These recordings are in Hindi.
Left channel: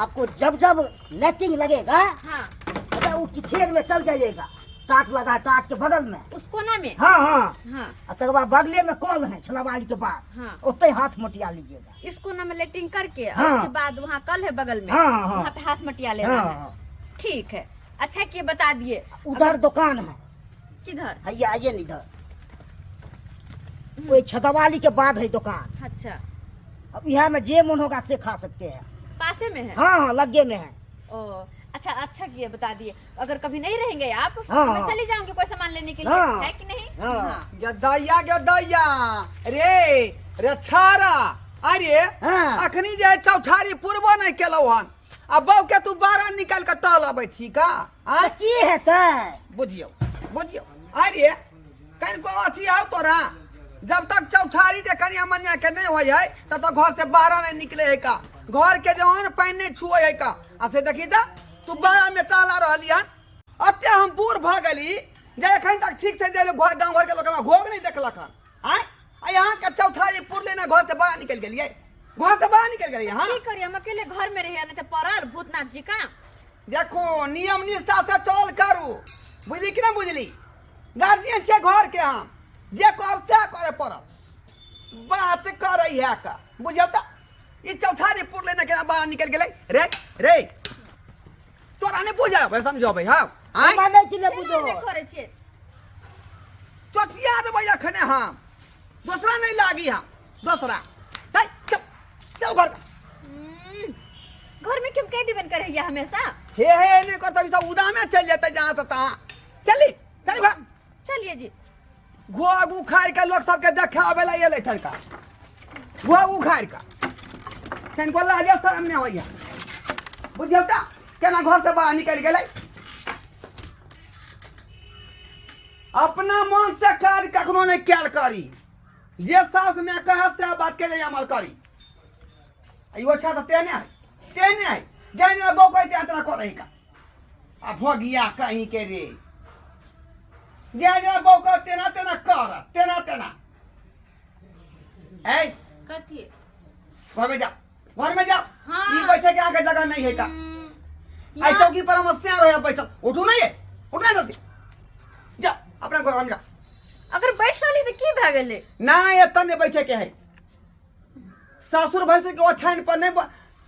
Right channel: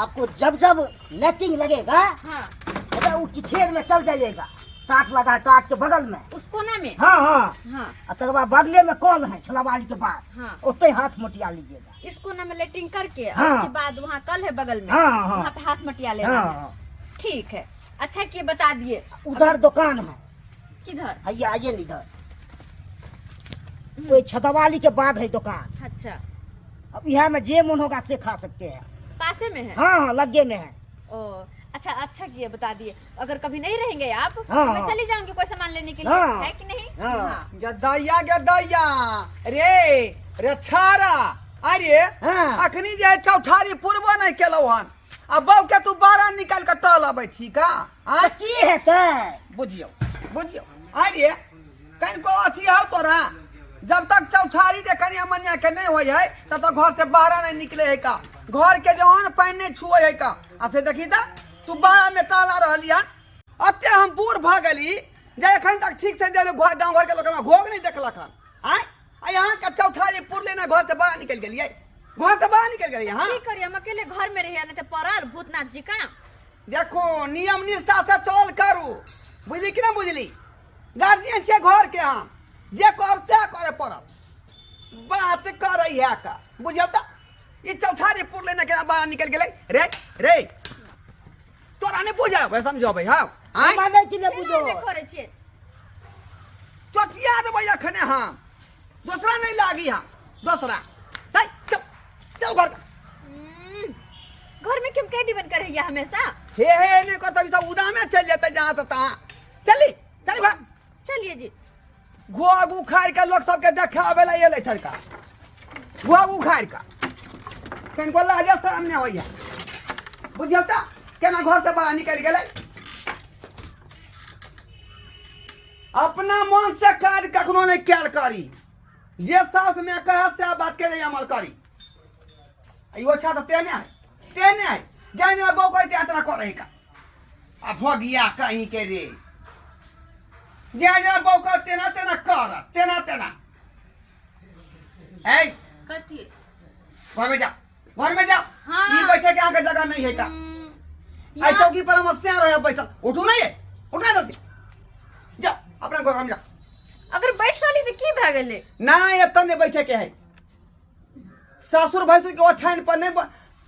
आपको जब जब लेटिंग लगेगा हाँ अरे वो किचेर में चल जाइएगा। टाट लगा टाट के बगल में उस कोना में। हाँ हाँ हाँ और तक बाद बगले में कौन है छलावाली के बाद हाँ उतने हाथ मटिया लीजिएगा। इस कोना में लेटरिंग करके और हाँ। उसके बाद वहाँ कल है बगल में, हाँ, हाँ। वहाँ पे हाथ मटिया लेना हाँ, है। हाँ। ठीक है, अच्छा किए बता दिए। उधर दुकान है, किधर? आइए आइए इधर, कोई छतवाली के बाद है दुकान। अच्छा, अब यहाँ में जे मन होगा से खा सकते हैं। पासे में है? हाँ हाँ लगे में है। ओ अच्छा, अच्छा किए बता दिए। अगर कभी नहीं रहेंगे आप हाँ, तो मैं हाँ। चली जाऊंगी कोई सामान लेने के लिए, हाँ। है कि नहीं? हाँ। गद्दाइया गद्दाइया रे रे छारा अरे हाँ। अखनी जे चौठारी पूर्व नहीं केलौ हन अब बौ के तू बारह निकाल के टल अबै छी का तो की हेतै बुझियो बुझियो अरे कन को अथी हौ तोरा जब तक चौठारी जे कनिया मनिया के नहीं होय है तब तक घर से बाहर नहीं निकले है का घर के जवान पानी नहीं छुए है का ऐसे देखी त तू बारह में टाला रहली हन अते हम बूढ़ भ गेली जे एखन तक ठीक से जे घर गांव घर के लोग घोग नहीं देखलक हन आय आ यहाँ के चौठारी पुरले ना घर से बाहर निकल गेलिए घर से बाहर निकल गेलिए हां की करिए, हम अकेले घर में रहिए नहीं तो परार भूतनाथ जी का। देखो नियम निष्ठा से चल करू बुझली कि ना बुझली गार्जियन छे घर के हम जे कर से करे पड़त बात करे है का बुझल त ई चौठारी पुरले ना केना बाहर निकल गेलै रे रे तोरा ने बुझा बे समझबै हां आय माने छी ने बुझो नहीं करे छिए। चचिया देबै अखने हम दूसरा नहीं लागी हम दूसरा चल चल चल घर घर में क्यों कैदी बन कर रहिए हमेशा? हे ने को तभी सब उदामे चल जेतै जहां से तहां चली चल घर चलिए जी। घोग उखाड़ के लोग सबके देखावे ला एले चलता घोग उखाड़ का कन को लाज शर्म नहीं होइया बुझल त केना घर से बाहर निकल गेलै अपना मन से काज कखनो नहीं कैल करी जे सास में कहे से बात के लिए अमल करी आइयो अच्छा तो तेने है जाने बो कोई तेरा करे का आ भगिया कहीं के रे जे बो को तेना तेना कर तेना ए कथी? घर में जाओ हाँ। ई बैठे के आगे जगह नहीं है का आई चौकी पर हम सिया रहे बैठल उठू नहीं है उठना नहीं जा अपना घर में जा अगर बैठ रही तो की भ गेले? ना ये तने बैठे के है ससुर भैंसुर के ओछाइन पर नहीं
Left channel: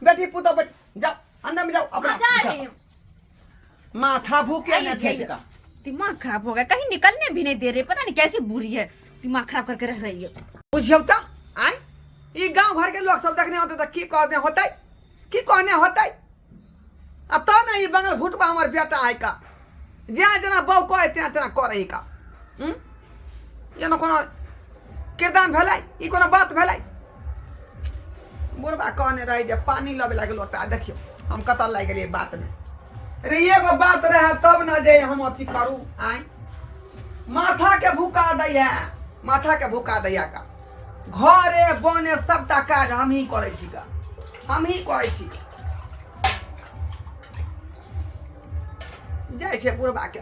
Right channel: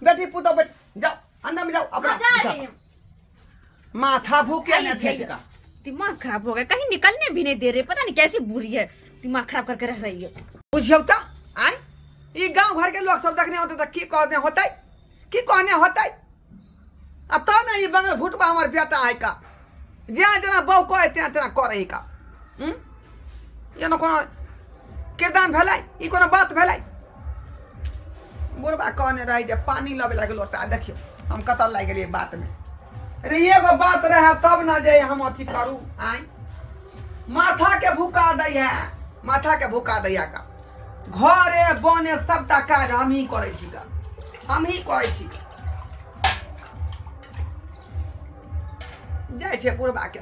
बेटी पुतो बैठ जाओ अंदर में जाओ अपना जा रही हूँ। माथा भूखे न थे का दिमाग खराब हो गया, कहीं निकलने भी नहीं दे रहे, पता नहीं कैसी बुरी है, दिमाग खराब करके रह रही है। बुझियो त आई ई गांव घर के लोग सब देखने होते त की कहने होतै की कहने होतै आ त न ई बंगल भुटबा हमर बेटा है का जे जना बौ कहे तेना तेना करे का ये न कोनो किरदान भेलै ई कोनो बात भेलै बुढ़बा कहने रही जे पानी लबे लागे लोटा देखियो हम कतल लाग गेलिए बात में अरे एगो बात रहे तब न जे हम अथी करू आई माथा के भूका दै है माथा के भूका दैया का घरे बने सबटा काज हम ही करे छी का हम ही करे छी जाय छे बुढ़बा के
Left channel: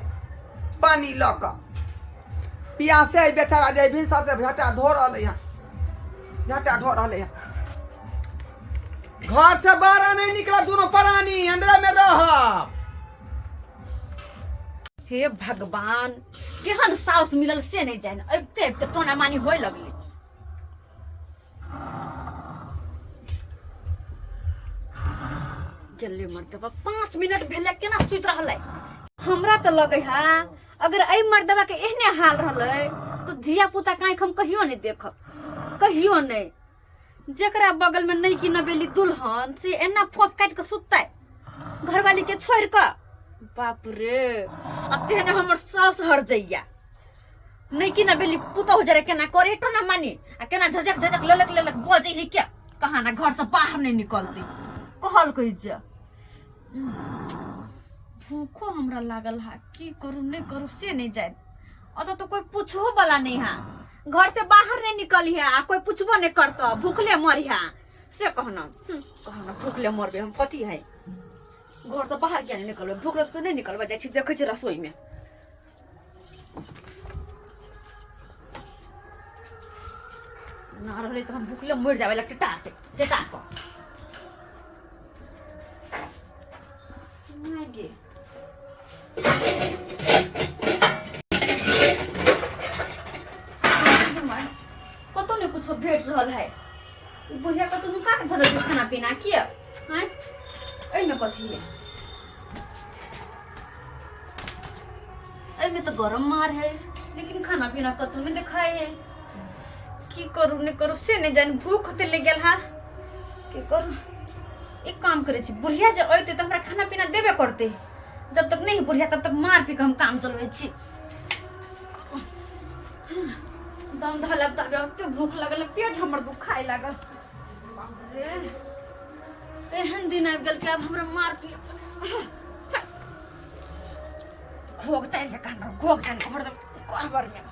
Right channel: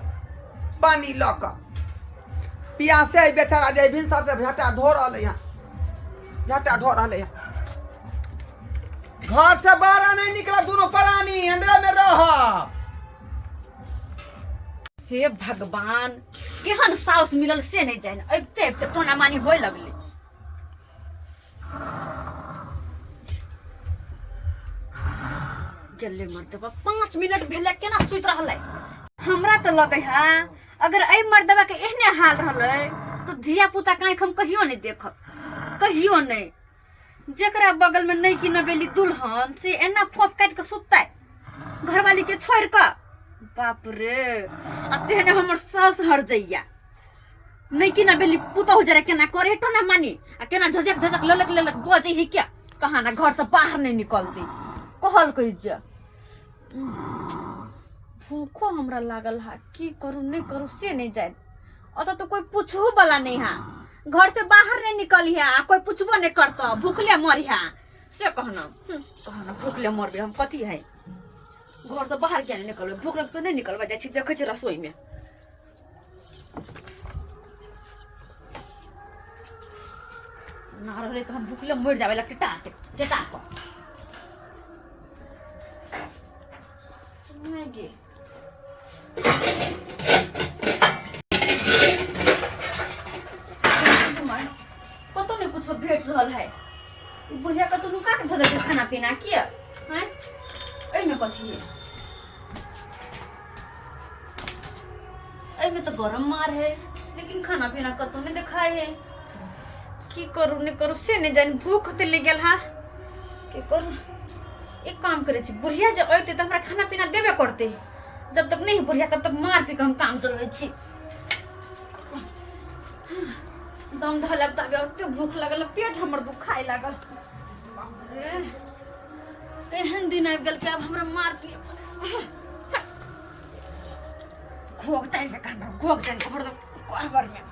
पानी ल क पियासे बेचारा जे भी सबसे झटा धो रहले हैं झटा धो रहले हैं घर से बाहर नहीं निकला दोनों प्राणी अंदर में रह। हे भगवान, केहन साउस मिलल से नहीं जाने, अबते अबते टोना मानी होय लगले। जल्दी मर्दबा 5 मिनट भेले केना सुत रहले? हमरा तो लगे है अगर ए मर्दबा के एहने हाल रहले तो धिया पुता काहे हम कहियो नहीं देखब, कहियो नहीं। जेकरा बगल में नहीं की नबेली दुल्हन से एना फोप काट के सुतै घरवाली के छोड़ के, बाप रे अते ने हमर सास हर जइया। नहीं की नबेली पुतो हो जरे केना करे तो ना मानी आ केना झजक झजक ललक बजे है क्या, कहां ना घर से बाहर नहीं निकलती कहल कहि जा। भूखो हमरा लागल है, की करू नहीं करू से नहीं जाए। अत तो कोई पूछो वाला नहीं है, घर से बाहर नहीं निकली है आ कोई पूछबो नहीं करता, भूखले मरी है से कहना भूखले मरबे हम कथी है। घर से बाहर क्या नहीं निकलबे, भूख लग तो नहीं निकलबे जाय छी देखे छी रसोई में। ना रहे तो हम भूखले मर जावे लगते टाट को। रहल है। बुढ़िया का तुम का धरे के खाना पीना किया हैं? ए में कथी है? ए में तो गरम मार है, लेकिन खाना पीना कतो नहीं दिखाए है। की करू नहीं करू से नहीं जान, भूख होते ले गेल हा। की करू? एक काम करे छी, बुढ़िया जब अइते तो हमरा खाना पीना देबे करते। जब तक नहीं बुढ़िया तब तक मार पी के हम काम चलबै छी। दम धलब तब एते भूख लगल, पेट हमर दुखाए लागल। बाप रे, एहन दिन आबि गेल कि अब हमरा मार पी घोगताई से कान घोगताई हरदम कहबर में।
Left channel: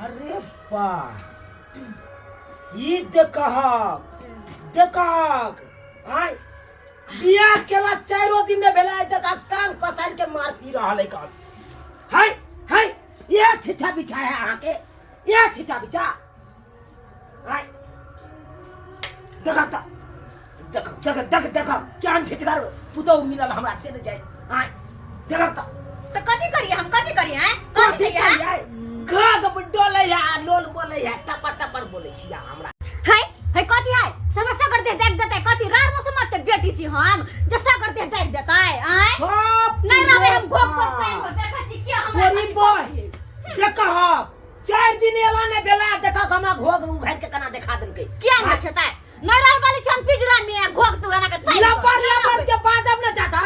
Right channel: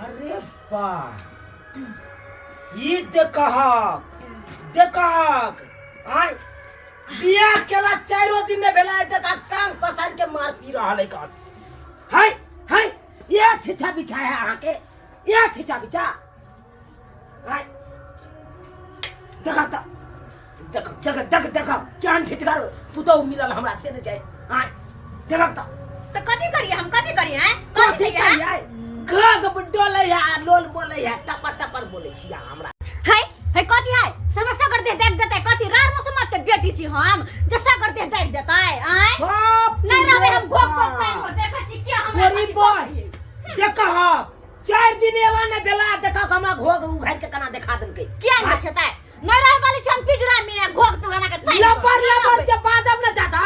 अरे बा ये देखक आय बियाह केला 4 दिन में भेला देखक टांग पसार के मार पी रहल है कौन। हाय ये छिछा बिछा है अहाँ के, ये छिछा बिछा आय देखक जान छिटकार पुतो मिलल हमरा से न जाय। आय देखक तो कथी करिए हम, कथी करिए हैं? कथी करिए? घग डोले या लोल बोले या टपर बोले छी हमरा। है कथी है? समस्या करते देख देते कथी रार मौसम मत बेटी छी हम, जैसा करते देख देता है। आय नहीं ना हम घोक टाइम को देखा छी क्या हमरा गोरी बॉय देखा 4 दिन एला ने बेला देखा हमरा घोग उघार के कना दिखा देलके। क्या देखता है? नहीं रहे वाली छन पिंजरा में घोक तू गाना के टाइम लबर से बादम न जाता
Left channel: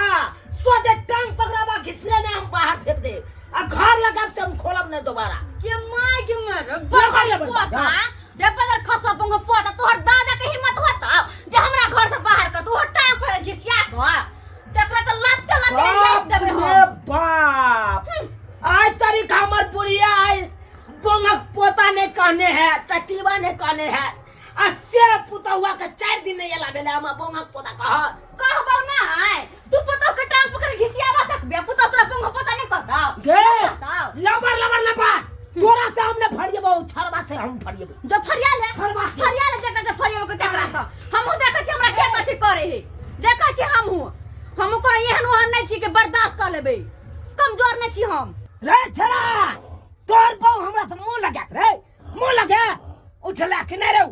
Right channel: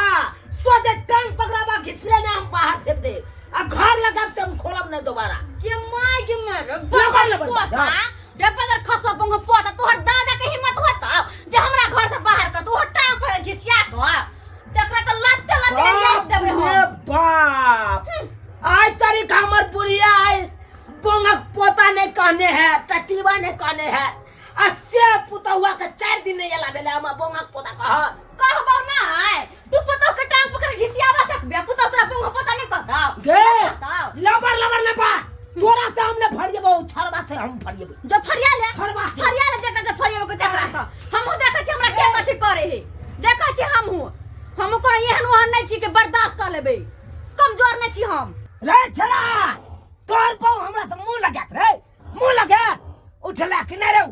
सोजे टांग पकड़ावा घिसले ने हम बाहर फेंक दे आ घर लगाब से हम खोलब नहीं दोबारा। के माय के मर लबर पोता डेपदर खसा पंग पोता तोहर दादा के हिम्मत होता जे हमरा घर से बाहर कर तू टांग पर घिसिया को देखरा तो लत्ते लेस देबे हम। अरे बाप आज तारीख हमर बुढ़िया आई बोंगक पोता ने कहने है, टटीवा ने कहने है, अस्से पुता हुआ के 4 दिन नहीं एला बेले हम बोंगक पोता कहबो ना है तू पुतो के टांग पकड़ घिसियावा सकबे पुतो तोरा पंग पोता नहीं कहता गे लबर तोरा से हमने फरियबो छरबा से हम फरियबो जो फरिया ले देखा से फरिया को देखरा से हमहु देखै छी हमरा के कथि करे है। देखै छी हमहु को एहन ओहन नहीं छी के बर्दाश्त कर लेबे, कमजोर नहीं छी हम। रे छरा तोर बहु हमरा से मुंह लगा उठला कि नहीं रे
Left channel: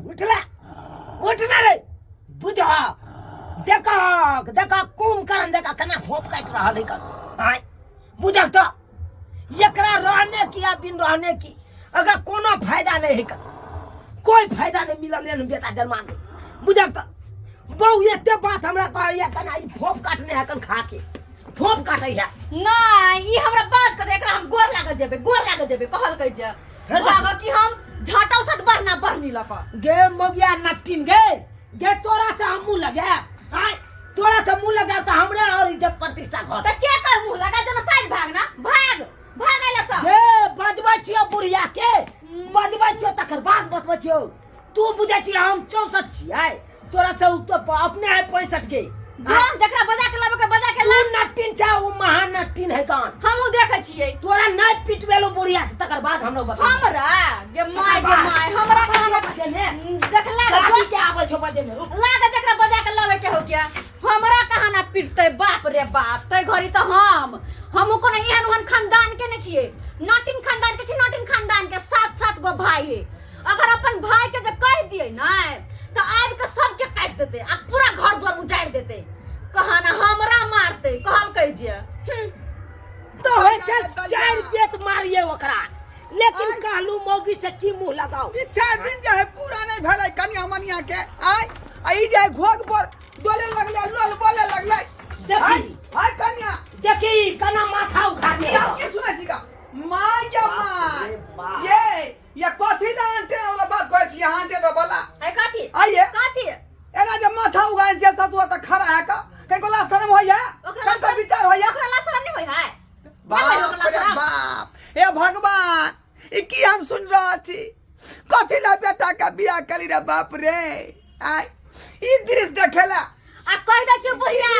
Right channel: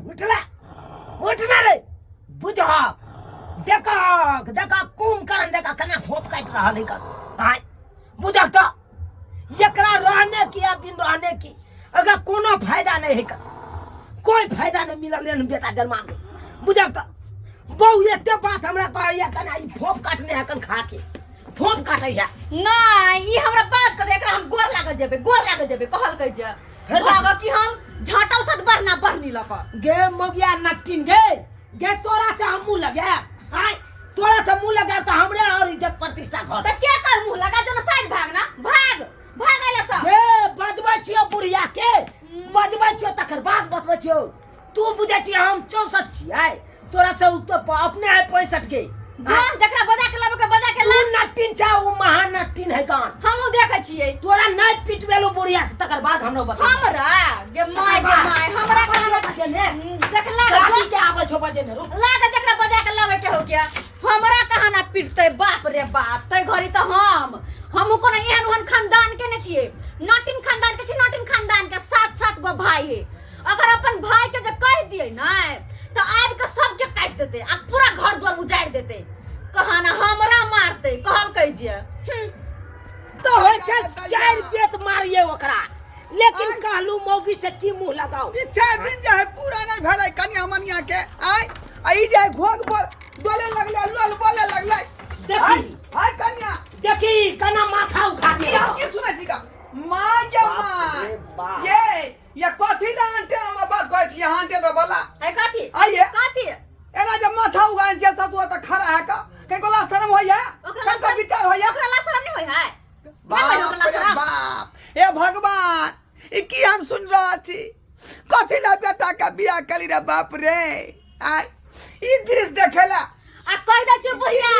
उठना रे बुझा देखा कुंभकर्ण देखा कना खोप काट रहल है कर। आय बुझा तो एकरा रहने की या बिन रहने की अगर कोनो फायदा नहीं है, कोई फायदा नहीं मिलल लेन बेटा जन्मा के। बुझा तो बहु एते बात हमरा कहैया कना ई फोप काटने है कन खा के फोप काटै है ना ई हमरा बात कर एकरा हम गोर लागल जेबे कहल कह जे भाग कि हम झाटा सद बढ़ना बढ़नी लक गे मोगिया नट्टिन गे तोरा से हम मुंह लगे। आय तोरा से मुंह लगा तो हमरे और इज्जत प्रतिष्ठा घर त क्या कर मुंह लगा जो साइड भागना भाग आइला सब गे बजबै छियो बुढ़िया के बजबै छियो तकर बाद बतबै छियो। तू बुझै छी हम 64 छियै तोरा से तो अपने है 65 के जोन जकरा बजा के तू नट्टिन छ ओ महान नट्टिन है कान हमहु देखै छियै। तोरा नहीं पिटवेलो बुढ़िया से तकर बाद हमरो बता हमरा गे माय हमरा कहां देखला गाड़ी के आबै छो बजे ने रुक लागे जकरा बजा के लावे के हो क्या हमरा कहां ना पिटतै बाप रे बाप। तै घड़ी त हमहु कोनो एहन ओहन खानदान के ने छियै, नटिन खानदान के छी, नटिन खानदान के 7 गो भाई है। अगर अपन भाई के जे कह दिए ना तो आब के सबके काट देते आ पूरा घर द्वार उजाड़ देते, कहा ना हमरा मारते कहल कह जे तो होय छै 4 पेट मारिए ओकरा, लेकिन कहलू मौगी से की मुंह लगाओ। 4 दिन जे है पूरा नहीं भेलै कन्या मनिया के। आय आई जे घोग बोले लगले लोल बोले लगले हाय कन्या देखी कना माथा उठा दे की सुनै छी का मां ये कथी लांटे वाला बात कहै छी हांटे तो बोला है कथी आइए कथी एना जे माथा उगाइन छै सतुआ त खड़ा है का कोला शर्म होइया सबका विचार होइया ओकरा ला शर्म नहीं होय है। बाप रे बाप हे भगवान ई की हम सुन रहा छी कथी ला बेटा का बियाह कली रे बाप रे। आय ई दृश्य देखेला आ कह दे चुप बुढ़िया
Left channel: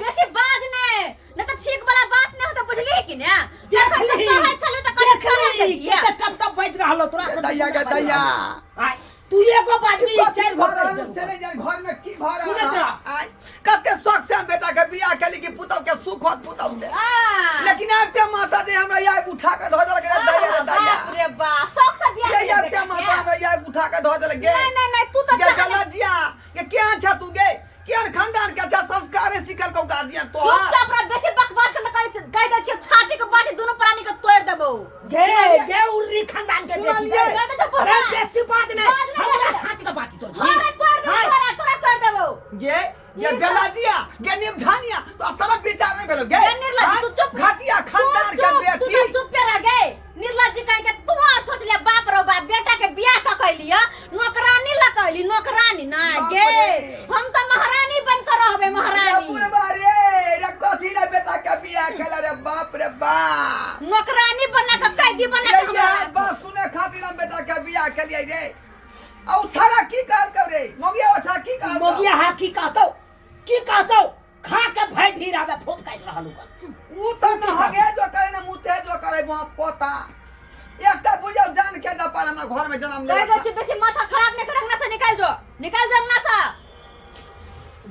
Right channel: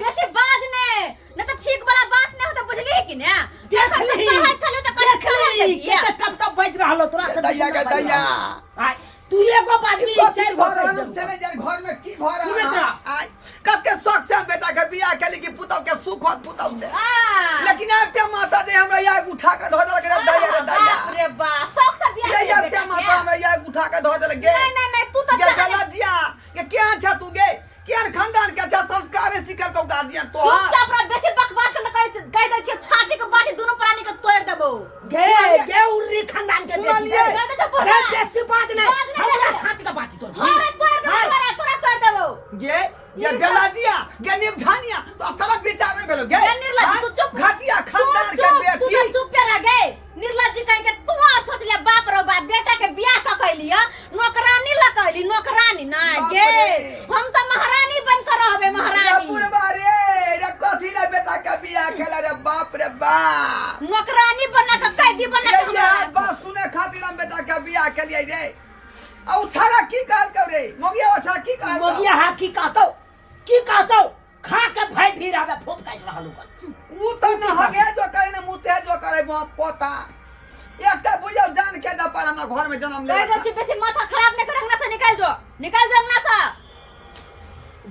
बेसी बाज ने नहीं तो ठीक वाला बात नहीं हो तो बुझली है कि ना देख तखन से ली, सहल छलो तो कहीं देख सहल ली, जइया केते टप टप बज रहलो तोरा से दैया के दैया आय तू एगो बात नहीं चार घर घर चले जाए घर में की घर सुने है तोरा। आई कते शौक से हम बेटा के बियाह के लिए पुतौ के सुख होत पुतौ से लेकिन अब ते माता दे हमरा या उठा के धो देलक रे दैया रे दैया रे बा शौक से बियाह ये या ते माता हमरा या उठा के धो देलक गे नहीं तू तो ये गलत जिया ये क्या छ तू गे केन खानदान के अच्छा संस्कार सिखल को गार्डियन तो चुपचाप रह बेसी बकवास न कह दे छियो छाती के बाटी दोनों प्राणी के तोड़ देबो गे उर्री खानदान के सुना लिए? रे बेसी बात नहीं हमरा छाती का बात तोड़ अरे तोड़ देबो तोरा तोड़ देबो ये बेला दिया ये निभानिया तो सारा विचार में भेलो गे निर्लज तू चुप घाटिया खानदान के बेटी तू चुप पे रह गए निर्लज जी कहीं के तू और सोच ले बाप रो बाप बेटा के बियाह क कैलिया नौकरानी ल कैली नौकरानी ना बाप गे रे। हम तो महारानी बन कर रहबे महारानी पूर्वा रे रे कथी ना बेटा के बियाह केला रे बाप रे बाप नौकरानी बना के कैदी बना ये के यार बात सुने खातिर हम बेटा के बियाह के लिए रे औ छारा की कहल करे मोगिया अच्छा की कहल मोगिया हा की कहतो खा के भाई फिर आवे फूट काट रहलू कर ऊ त न हगे जो करे न मुते जो करे पोता एकटा बुझो जान के द पर हमरा घर में जन्म ले कह दे छी बेसी माथा खराब नहीं कर अंगना से निकाल जो अंगना से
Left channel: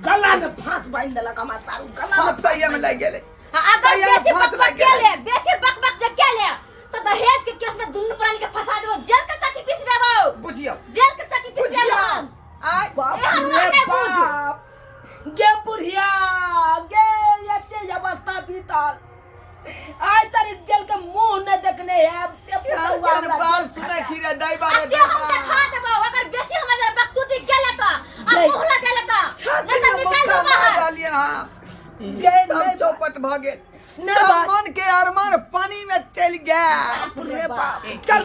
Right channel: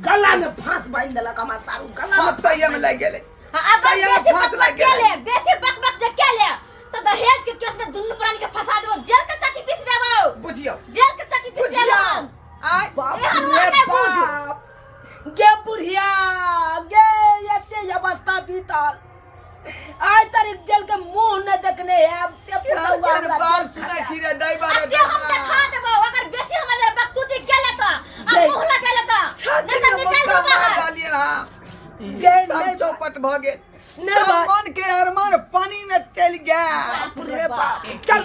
गला में फांस बांध देलक हमार सारू गला हाथ सही में लग गेले अब सही में फांस लग गेले बेसी बक के क्या ले तो दहेज के केस में दुन्नु प्राणी के फंसा देबो जेल के चक्की पीस देबो बुझियो जेल के चक्की पीस बुझियो देबो आय बाप ए, हम रे नहीं बुझ। बाप गे बुढ़िया गे एते अवस्था बीतल आज तारी जेल के मुंह न देखने है से पसुआ यार बाल सुनै छी रे दैबा रे असे हम देखा देबो अगर बेसी हमर बकतूती गेले तो आ मुंह न गेले तो छाती में मुक्का मार डालिए ये सब नहीं चौपट भ गेल नहीं सब बात। मन के अरमान पानी में चल गया रे बाप चल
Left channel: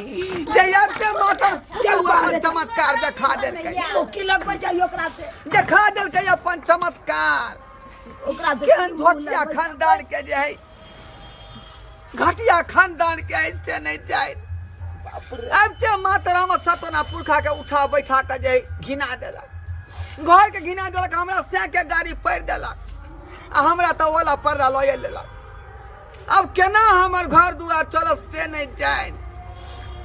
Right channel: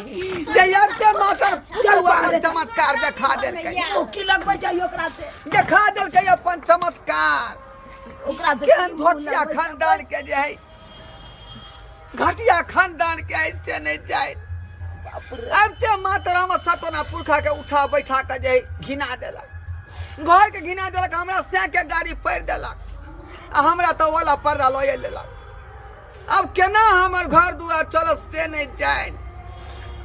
जयते माता चल बाहर चमत्कार दिखा देलकै मुक्की लगबै चाहिए ओकरा से दिखा देलकै अपन चमत्कार ओकरा से केहन धोतिया खानदान के जे है घटिया खानदान के ऐसे नहीं जाए अब ते माता राम सतना पुरखा के उठा बैठा के जे घिना देलक घर के घिना देलक हमरा से के गाड़ी पैर देलक आ हमरा तो वाला पर्दा लए लेलक अब केना हमर घर दुआर चलत से नहीं जाए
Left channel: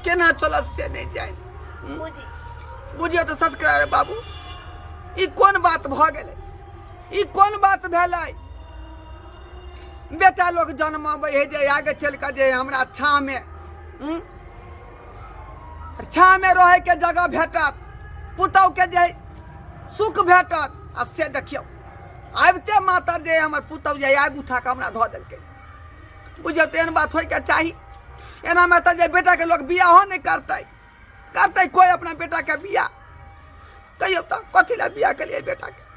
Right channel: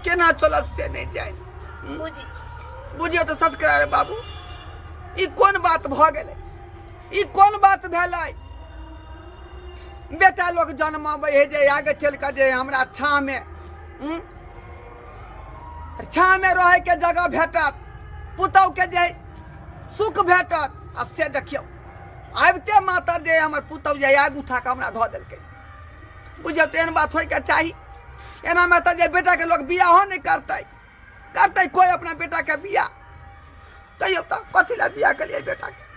केना चलत से नहीं जाए बुझी बुझियो तो सस्कार बाबू ई कोन बात भ गेलै ई कोन बात भेलै बेटा लोग जन्माबै है जे आगे चल के जे हमरा छाँ में रहे के जगह भेटत पुतौ के जे सुख भेटत आ से देखियो आबिते माता जे हमर पुतौ जे आग उठा के हमरा धऽ देलकै बुझियो तो एहन बात होइके चाही एना में तो जे बेटा के लोग बियाहो नहीं करतै कोई अपना बेटा के बियाह कहियो तो कथी ला बियाह के लिए बेटा के